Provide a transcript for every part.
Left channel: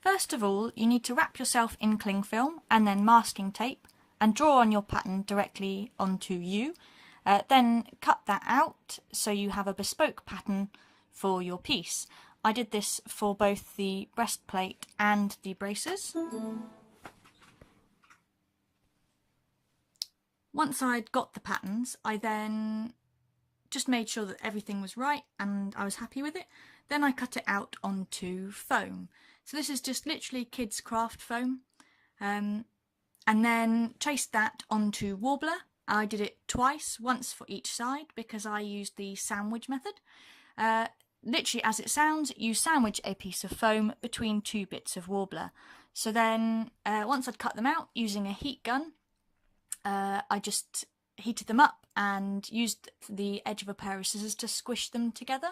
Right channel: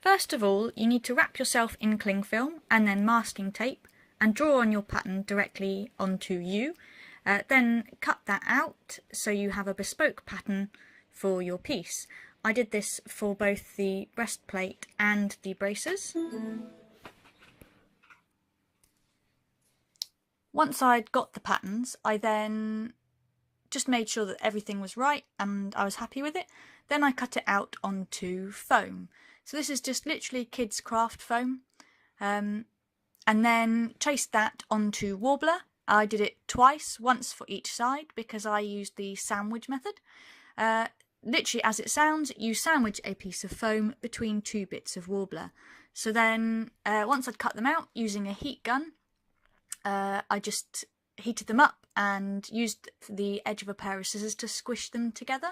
First of all, you need to wrap yourself in cling film and then masking tape and draw on your pattern directly onto you. Then cut that out so you have a bespoke pattern for your piece. I did this for both the breastplate and the braces. Once I'd got the patterns, I then just made sure that everything was right and I was happy with it. Then I cut it out onto foam. So this is just literally kids' craft foam. And then traced that onto warbler. I did it twice, once for each side, because I used the sandwich method. Literally, as it sounds, you sandwich a piece of foam between two bits of warbler. So then, once I'd cut them out using a heat gun, I just heated them up and used the edge of a pair of scissors to squish them together.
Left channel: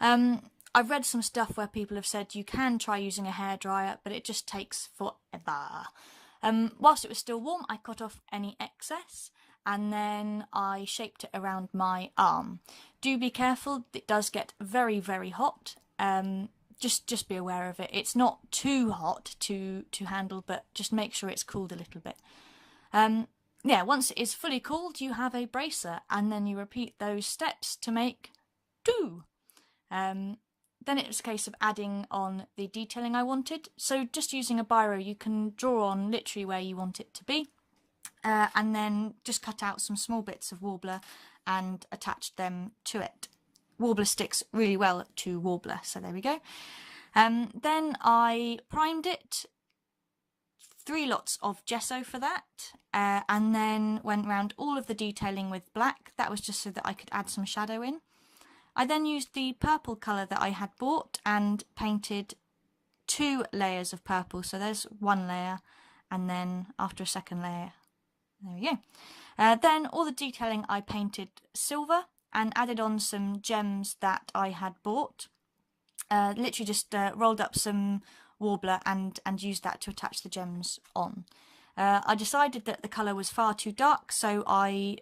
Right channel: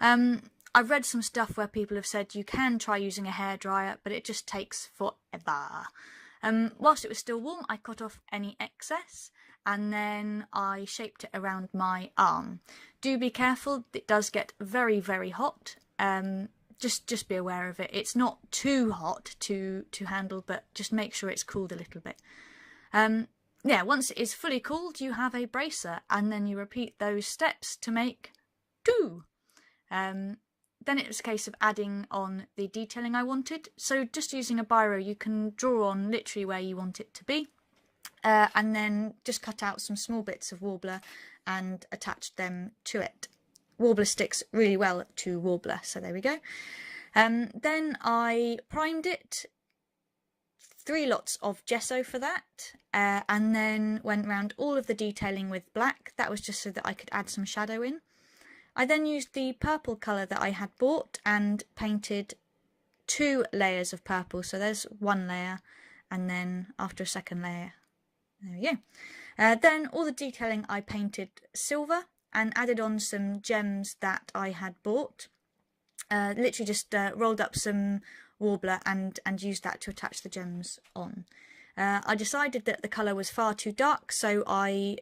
I've read some stuff where people have said you can try using a hairdryer, but it just takes forever. Whilst it was still warm, I cut off any excess and then I shaped it around my arm. Do be careful, it does get very, very hot. Just be aware of it. It's not too hot to handle, but just make sure it's cooled a little bit. Yeah, once it is fully cooled, you have a bracer, and then you repeat those steps to make two. Then it was a case of adding on the detailing I wanted. So just using a biro, you can draw on literally where you want it to be. And then just cut out some small bits of warbler and attach them to it. Warbler sticks really well to warbler, so there we go. Then I primed it, 3 lots of gesso for that, and then went round all of the detailing with black. That was just so that I could add some shadow in. I then used the purple colour that I had bought and painted 2 layers of purple. So there's 1 layer, and then after a second layer, there we go. Then all the detailing I painted silver and added on some gems that I had bought. Literally just rolled up some warbler and used that to attach the gems on. I decided that the colour was far too dark, so I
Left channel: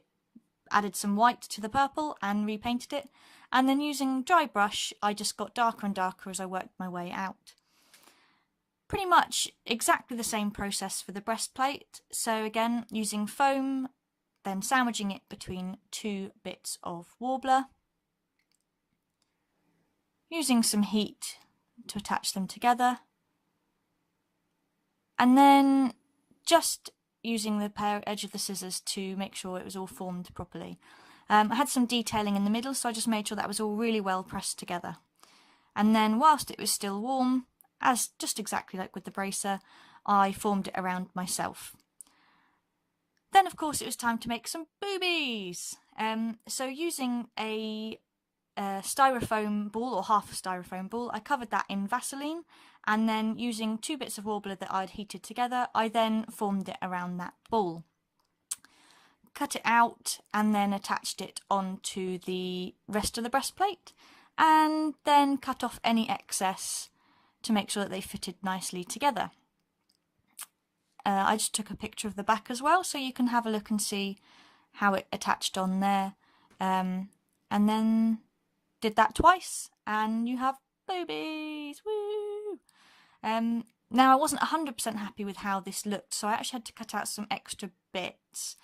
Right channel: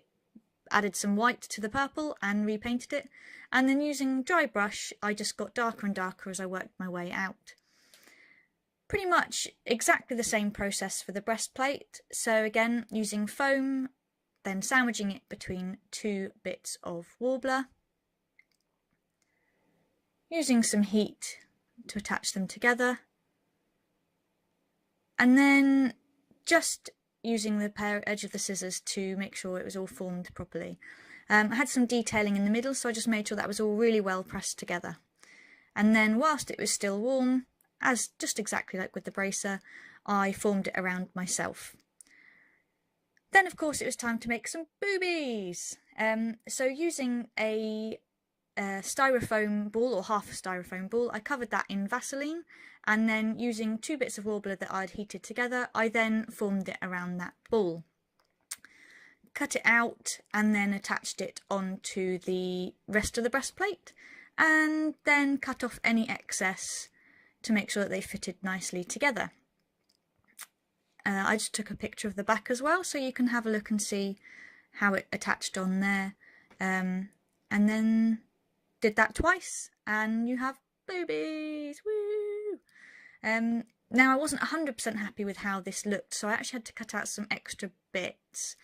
added some white to the purple and repainted it, and then using dry brush I just got darker and darker as I worked my way out. Pretty much exactly the same process for the breastplate. So again, using foam, then sandwiching it between 2 bits of warbler, using some heat to attach them together, and then just using the edge of the scissors to make sure it was all formed properly. I had some detailing in the middle, so I just made sure that was all really well pressed together. And then whilst it was still warm, as just exactly like with the bracer, I formed it around myself. Then of course it was time to make some boobies. So using a styrofoam ball, or half a styrofoam ball, I covered that in Vaseline, and then using 2 bits of warbler that I'd heated together, I then formed it around that ball. Cut it out and then attached it onto the rest of the breastplate, and then cut off any excess to make sure that they fitted nicely together. I just took a picture of the back as well, so you can have a look and see how it attached on there. And then did that twice, and you have boobies. Woo! Now I wasn't 100% happy with how this looked, so I actually had to cut out some extra bits,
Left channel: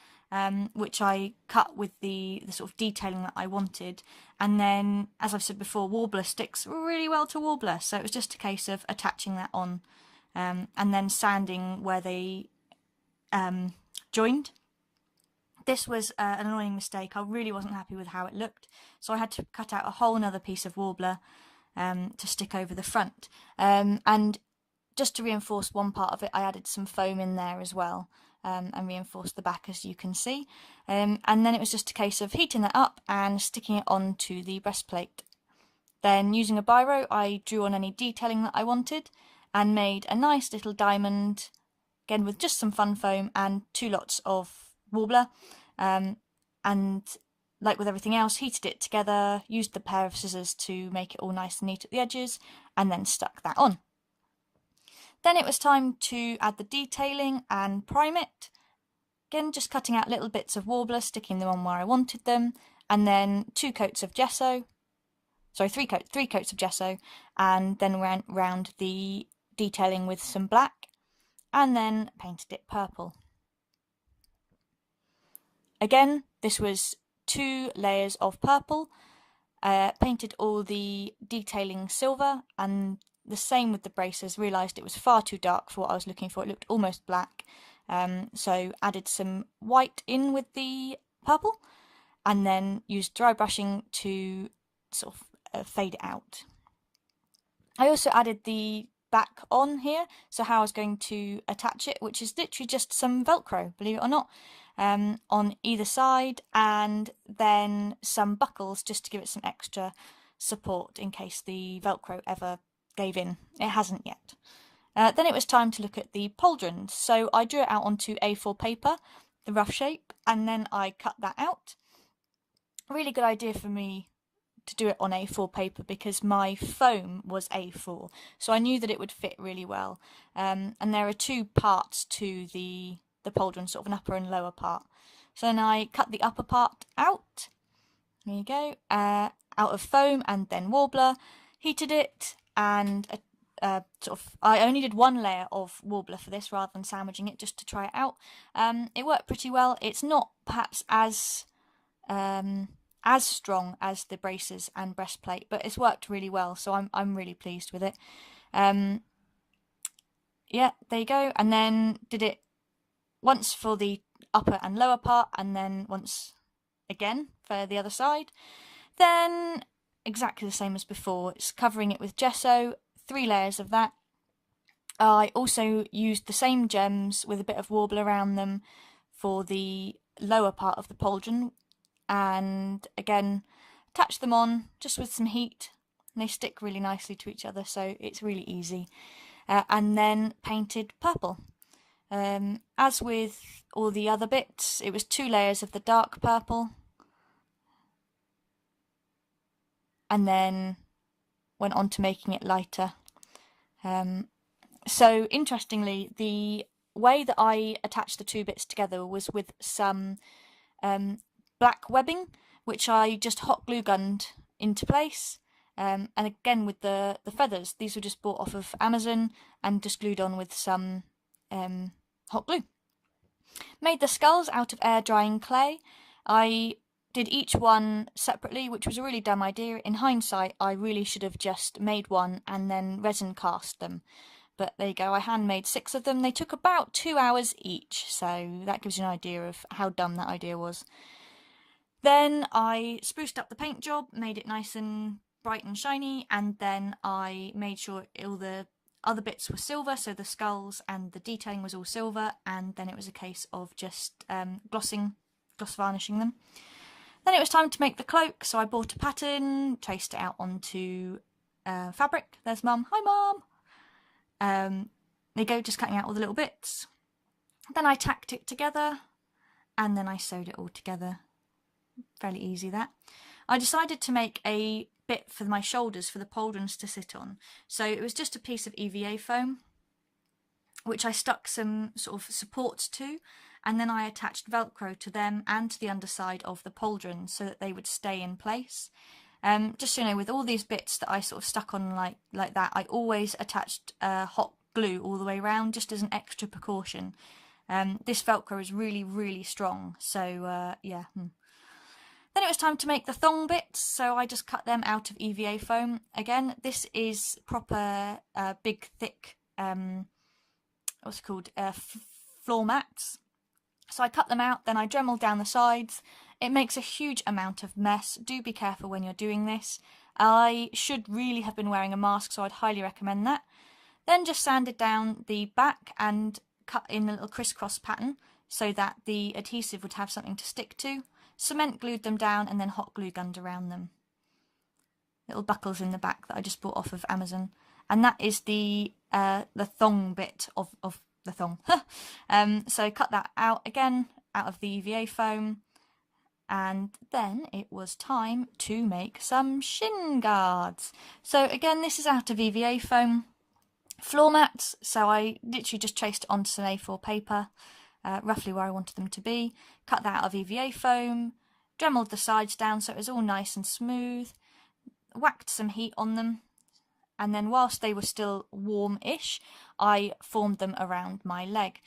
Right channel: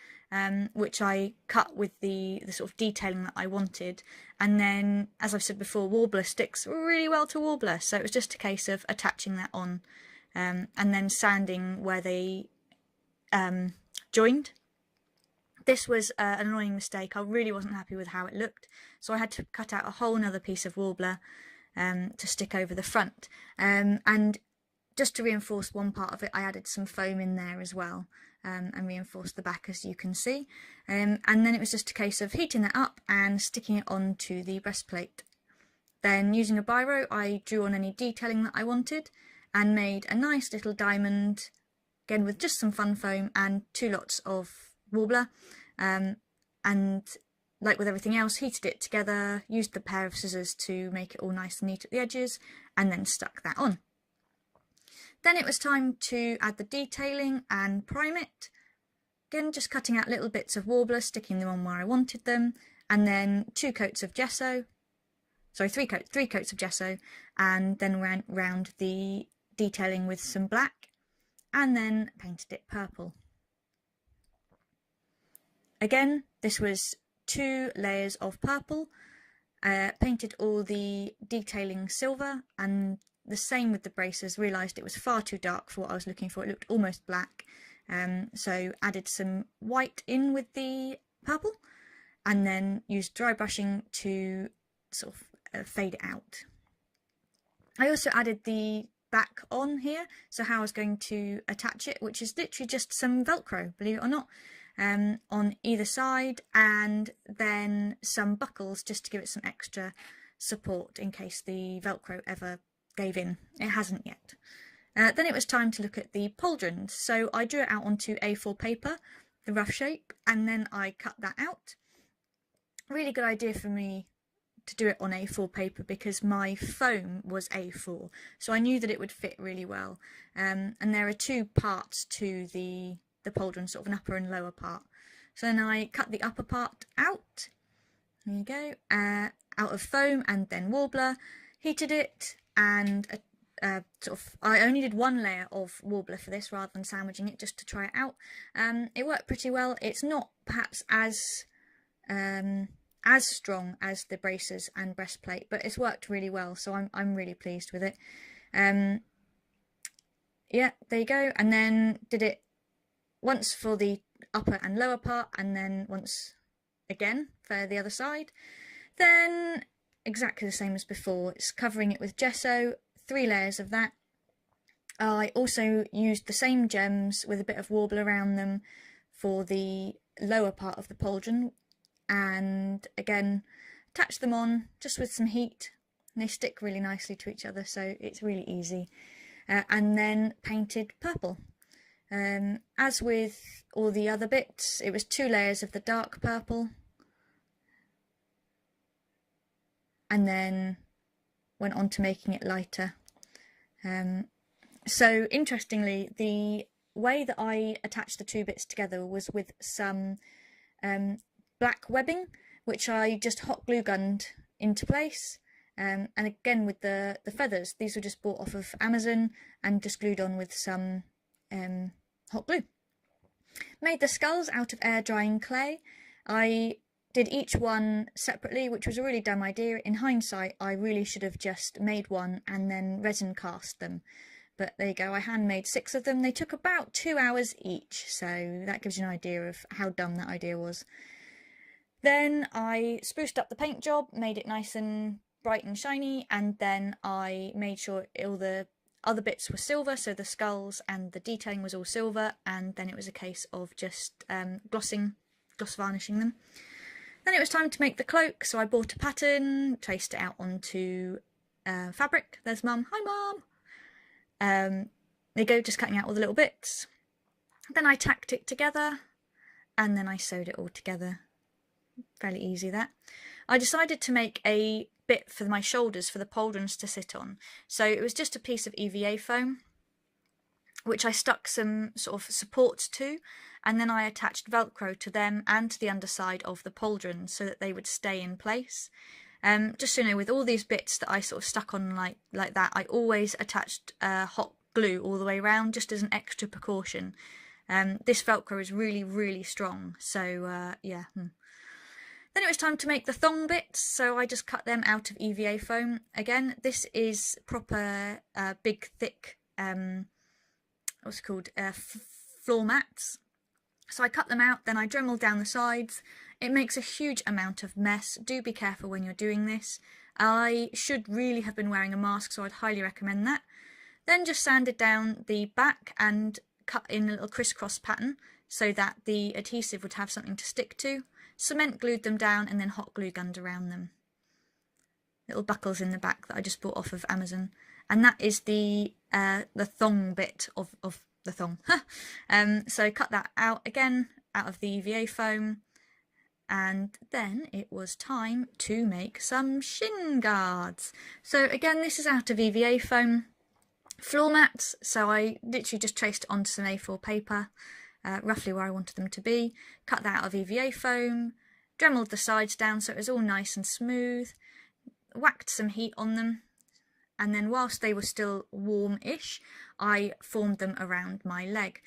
which I cut with the sort of detailing that I wanted. And then, as I've said before, warbler sticks really well to warbler, so it was just a case of attaching that on, and then sanding where they joined. This was an annoying mistake. I really wasn't happy with how it looked, so I had to cut out a whole another piece of warbler to stick over the front. And just to reinforce one part of it, I added some foam in there as well, and reinforced the back, as you can see. And then it was just a case of heating that up and sticking it onto the breastplate. Then using a biro, I drew on any detailing that I wanted and made a nice little diamond, again with just some fun foam and 2 lots of warbler, and like with everything else, heated it together, used the pair of scissors to make it all nice and neat at the edges, and then stuck that on. Then it was time to add the detailing and prime it. Again, just cutting out little bits of warbler, sticking them on where I wanted them, and then 2 coats of gesso, sorry, 3 coats of gesso, and then went round the detailing with some black, and then painted it purple. Again, this was 2 layers of purple, painted all the detailing silver, and the same with the braces. Realised it was far too dark for what I was looking for. It looked almost black, so added some white in with the purple, and then used dry brushing to sort of fade it out. I also added the back on here, so how I was going to attach it, which is literally just some Velcro, believe it or not, on either side, and then some buckles just to give it some extra support in case the Velcro ever gave in. It hasn't yet. Then it was time to look at the pauldrons, so I drew it out onto A4 paper, the rough shape, and then I cut that out. Really good idea for me to do it on A4 paper because my foam was A4, so I knew that it would fit really well. And there are 2 parts to the pauldron, sort of an upper and lower part. So then I cut the upper part out. There you go, out of foam and then warbler. Heated it, and I only did 1 layer of warbler for this rather than sandwiching it, just to try it out. It worked pretty well. It's not perhaps as strong as the braces and breastplate, but it's worked really well, so I'm really pleased with it. Yeah, there you go. And then did it once for the upper and lower part, and then once again for the other side. Then exactly the same as before, it's covering it with gesso, 3 layers of that. I also used the same gems with a bit of warble around them for the lower part of the pauldron, and again attach them on just with some heat, and they stick really nicely to each other, so it's really easy. And then painted purple. As with all the other bits, it was 2 layers of the dark purple, and then went on to making it lighter. So interestingly, the way that I attached the 2 bits together was with some black webbing, which I just hot glue gunned into place. And again with the feathers, these were just bought off of Amazon and just glued on with some hot glue. Made the skulls out of air drying clay. I did each one separately, which was a really dumb idea. In hindsight, I really should have just made one and then resin cast them. But there you go, I handmade 6 of them. They took about 2 hours each, so that gives you an idea of how dumb that idea was. Then I spruced up the paint job, made it nice and bright and shiny, and then I made sure all the other bits were silver, so the skulls and the detailing was all silver, and then it was a case of just gloss varnishing them. Then it was time to make the cloak, so I bought a pattern, traced it out onto fabric. There's Mum. Hi Mum! There you go, just cutting out all the little bits. Then I tacked it together, and then I sewed it all together. Fairly easy, that. I decided to make a bit for my shoulders for the pauldrons to sit on. So it was just a piece of EVA foam, which I stuck some sort of supports to, and then I attached Velcro to them and to the underside of the pauldron so that they would stay in place. Just so you know, with all these bits that I sort of stuck on like that, I always attached hot glue all the way around, just as an extra precaution. This Velcro is really, really strong, so yeah. Then it was time to make the thong bits, so I just cut them out of EVA foam. Again, this is proper big, thick, what's it called, floor mats. So I cut them out, then I dremeled down the sides. It makes a huge amount of mess. Do be careful when you're doing this. I should really have been wearing a mask, so I'd highly recommend that. Then just sanded down the back and cut in a little crisscross pattern so that the adhesive would have something to stick to. Cement glued them down and then hot glue gunned around them. Little buckles in the back that I just bought off of Amazon. And that is the thong bit of the thong. So cut that out again, out of the EVA foam. And then it was time to make some shin guards. So again, this is out of EVA foam. Floor mats, so I literally just traced it onto some A4 paper. Roughly where I wanted them to be, cut that out of EVA foam, dremeled the sides down so it was all nice and smooth, whacked some heat on them, and then whilst they were still warm-ish, I formed them around my leg.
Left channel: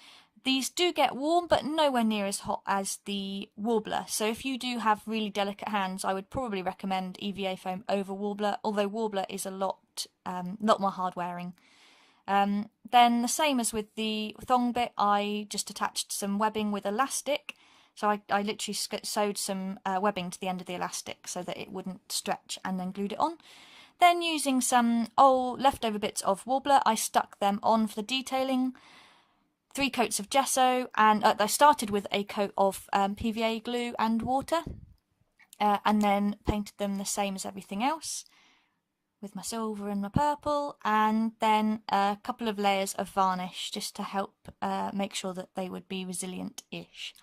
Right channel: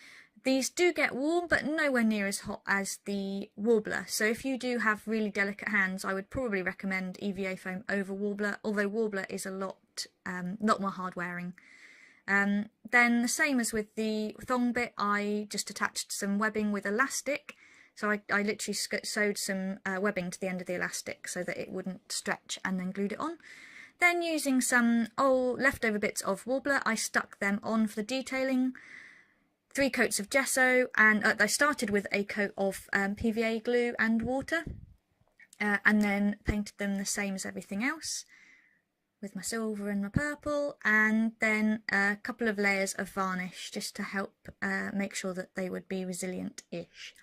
These do get warm, but nowhere near as hot as the Warbler. So if you do have really delicate hands, I would probably recommend EVA foam over Warbler, although Warbler is a lot more hard wearing. Then the same as with the thong bit, I just attached some webbing with elastic. So I literally sewed some webbing to the end of the elastic so that it wouldn't stretch, and then glued it on. Then using some old leftover bits of Warbler, I stuck them on for the detailing. 3 coats of gesso, and I started with a coat of PVA glue and water, and then painted them the same as everything else with my silver and my purple, and then a couple of layers of varnish just to help make sure that they would be resilient-ish.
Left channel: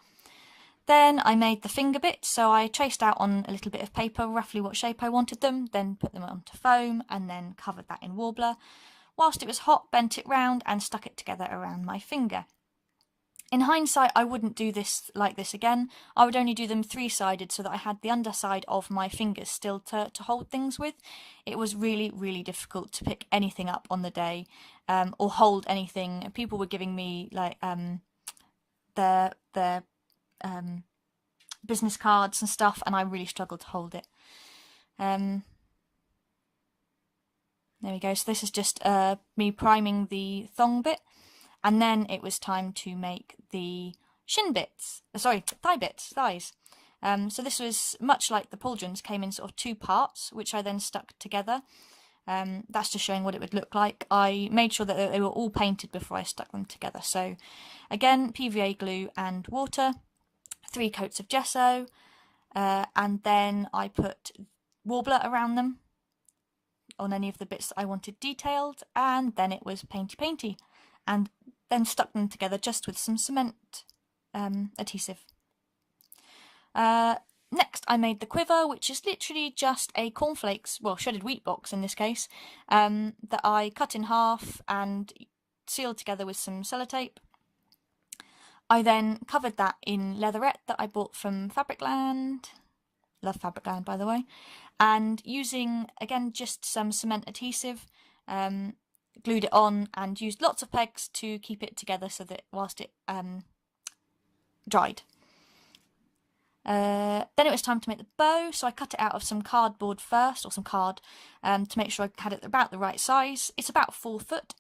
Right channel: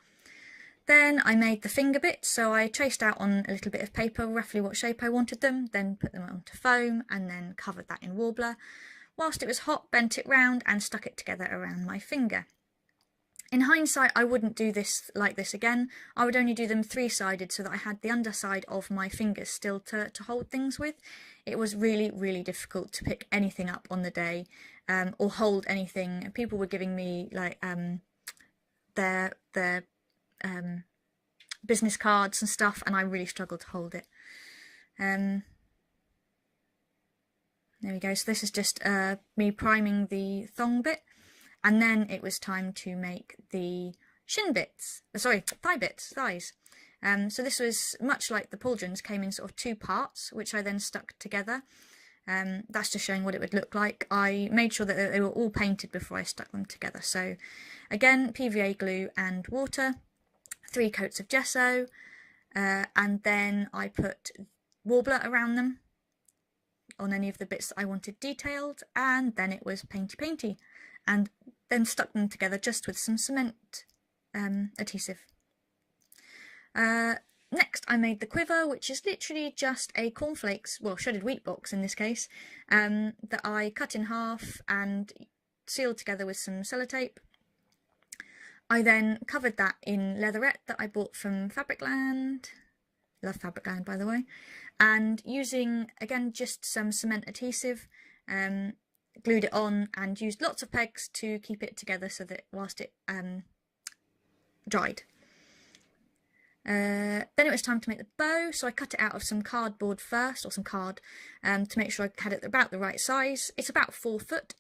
Then I made the finger bits, so I traced out on a little bit of paper roughly what shape I wanted them, then put them onto foam and then covered that in Warbler. Whilst it was hot, bent it round and stuck it together around my finger. In hindsight, I wouldn't do this like this again. I would only do them 3-sided so that I had the underside of my fingers still to hold things with. It was really, really difficult to pick anything up on the day or hold anything. People were giving me like their business cards and stuff, and I really struggled to hold it. There we go. So this is just me priming the thong bit, and then it was time to make the shin bits. Thighs. So this was much like the Pauldrons, came in sort of 2 parts, which I then stuck together. That's just showing what it would look like. I made sure that they were all painted before I stuck them together. So again, PVA glue and water, 3 coats of gesso, and then I put Warbler around them on any of the bits that I wanted detailed, and then it was painty, and then stuck them together just with some cement adhesive. Next I made the quiver, which is literally just a cornflakes, well, shredded wheat box in this case, that I cut in half and sealed together with some sellotape. I then covered that in leatherette that I bought from Fabricland. Love Fabricland, by the way. And using, again, just some cement adhesive, glued it on and used lots of pegs to keep it together so that whilst it dried. Then it was time to make the bow, so I cut it out of some cardboard first, or some card, to make sure I had it about the right size. It's about 4 foot.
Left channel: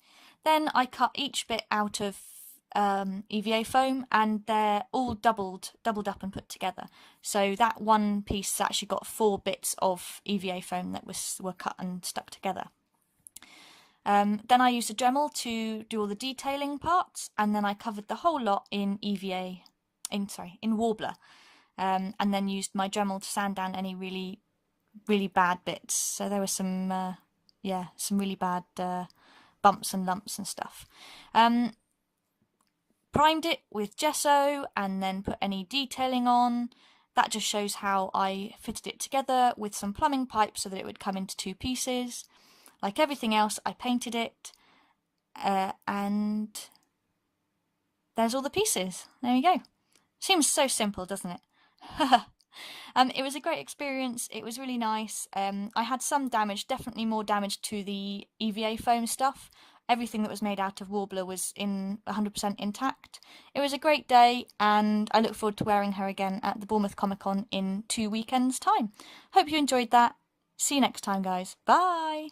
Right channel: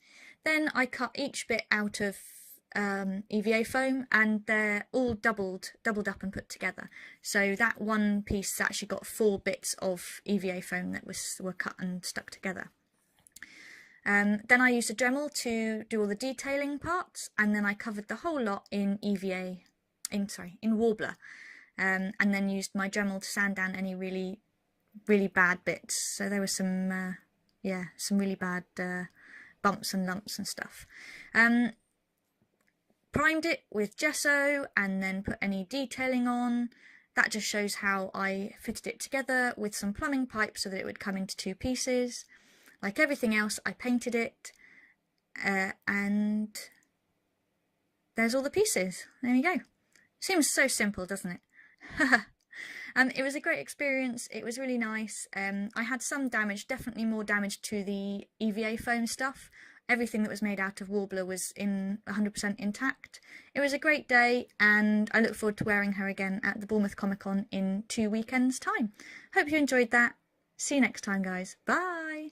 Then I cut each bit out of EVA foam, and they're all doubled up and put together. So that one piece has actually got 4 bits of EVA foam that were cut and stuck together. Then I used a Dremel to do all the detailing parts, and then I covered the whole lot in Warbler, and then used my Dremel to sand down any really bad bits. So there were some really bad bumps and lumps and stuff. Primed it with gesso and then put any detailing on. That just shows how I fitted it together with some plumbing pipe so that it would come into 2 pieces. Like everything else, I painted it, and there's all the pieces. There we go. Seems so simple, doesn't it? It was a great experience. It was really nice. I had some damage, definitely more damage to the EVA foam stuff. Everything that was made out of Warbler was 100% intact. It was a great day, and I look forward to wearing her again at the Bournemouth Comic Con in 2 weekends' time. Hope you enjoyed that. See you next time, guys. Bye!